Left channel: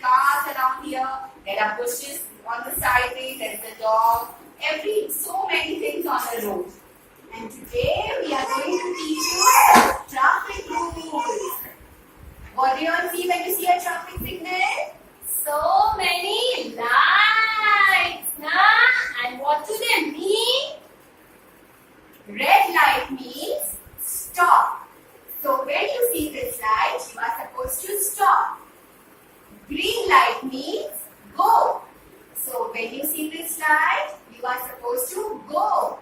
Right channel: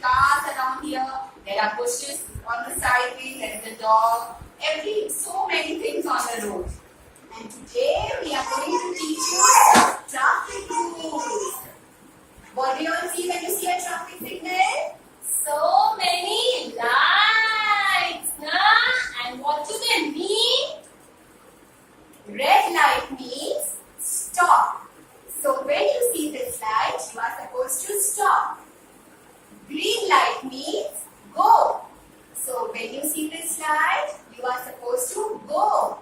cars around here. There are bushes on the sideways. There is a dog. So many things on the road. And today we are going to teach you traffic rules. What do you all see when you see a traffic signal? So many lights, na? And what do they mean? Red light means stop. So when you see this light, you are supposed to stop. Green light means go. So when you see this light, you are supposed to go.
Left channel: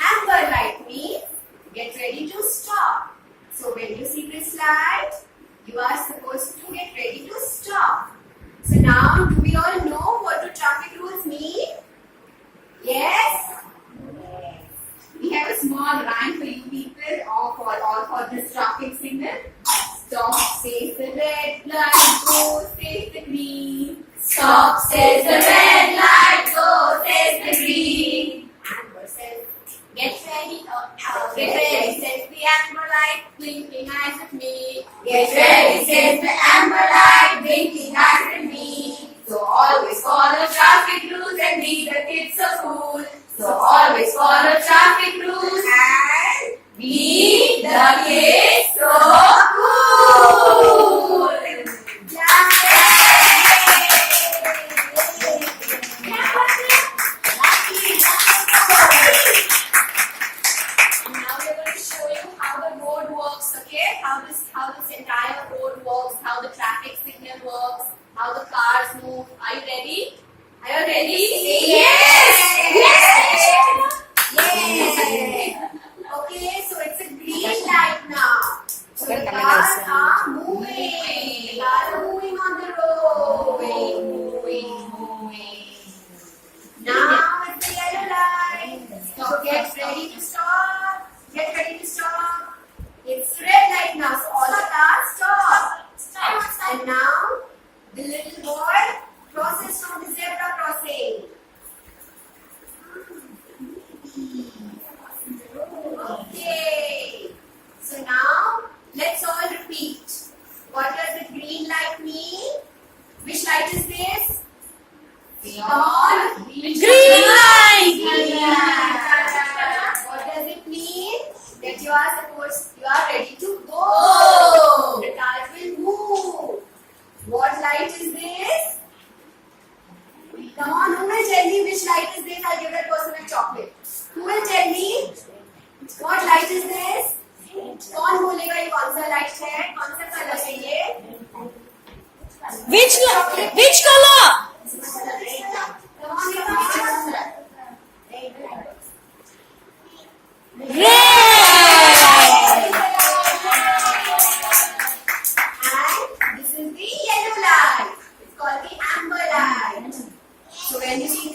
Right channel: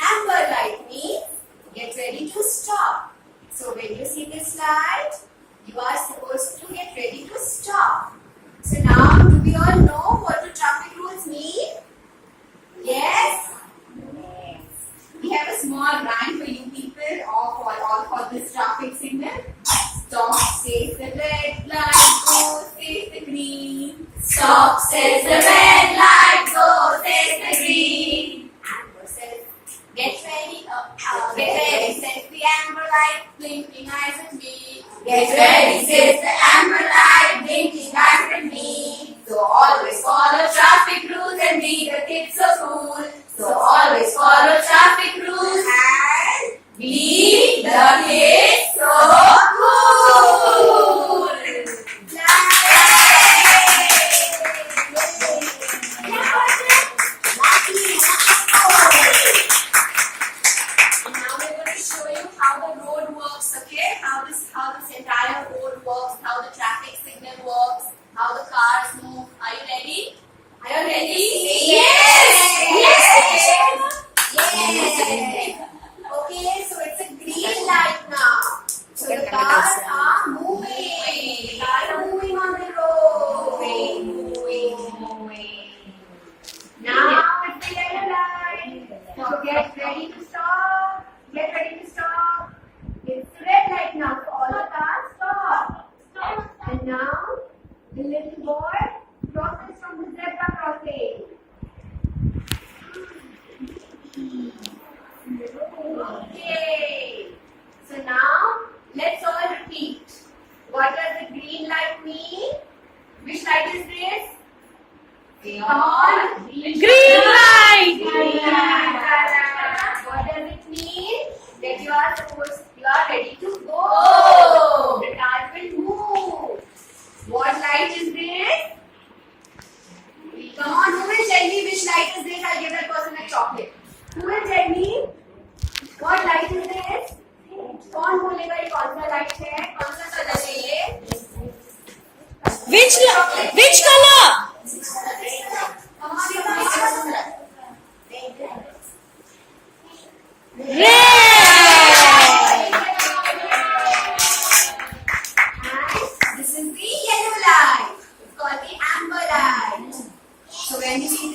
Amber light means get ready to stop. So when you see this light, you are supposed to get ready to stop. So now, do we all know what do traffic rules mean? Yes? Yes. We have a small rhyme for you people, all for this traffic signal. Stop says the red light, go says the green. Stop says the red light, go says the green. Amber says, get ready says the amber light, blinking eyes at me. Get ready says the amber light, blinking eyes at me. So always follow traffic rules and be the kids so cool. So always follow traffic rules And be the kids so cool. Now we're going to show you how the road works, okay? How this entire road works, how the traffic signal works, how the cars move. Are you ready? Are you ready? Yes. Yes. Okay, so it's a green light now. So the cars are moving. The cars are moving on the road. Moving. Now it's the yellow light. So get ready to stop. Get ready to stop. It's red light now. So all the cars stop. And now the little boy crosses from the zebra crossing. Okay. So now let's all repeat. What does the green light mean? Which light is this? Come on. Green light. Green light. What does it mean? That you are ready to go. The cars will move. What light is this? Come on, who will tell me which light is this? I'll give that person a chocolate. Who will tell me? What light is this? कौन बोलेगा ये कौन सा light है? कौन सा colour है ये? Which color? Come on, come on. Red. And this is the yellow light. It's called the amber light. So when you see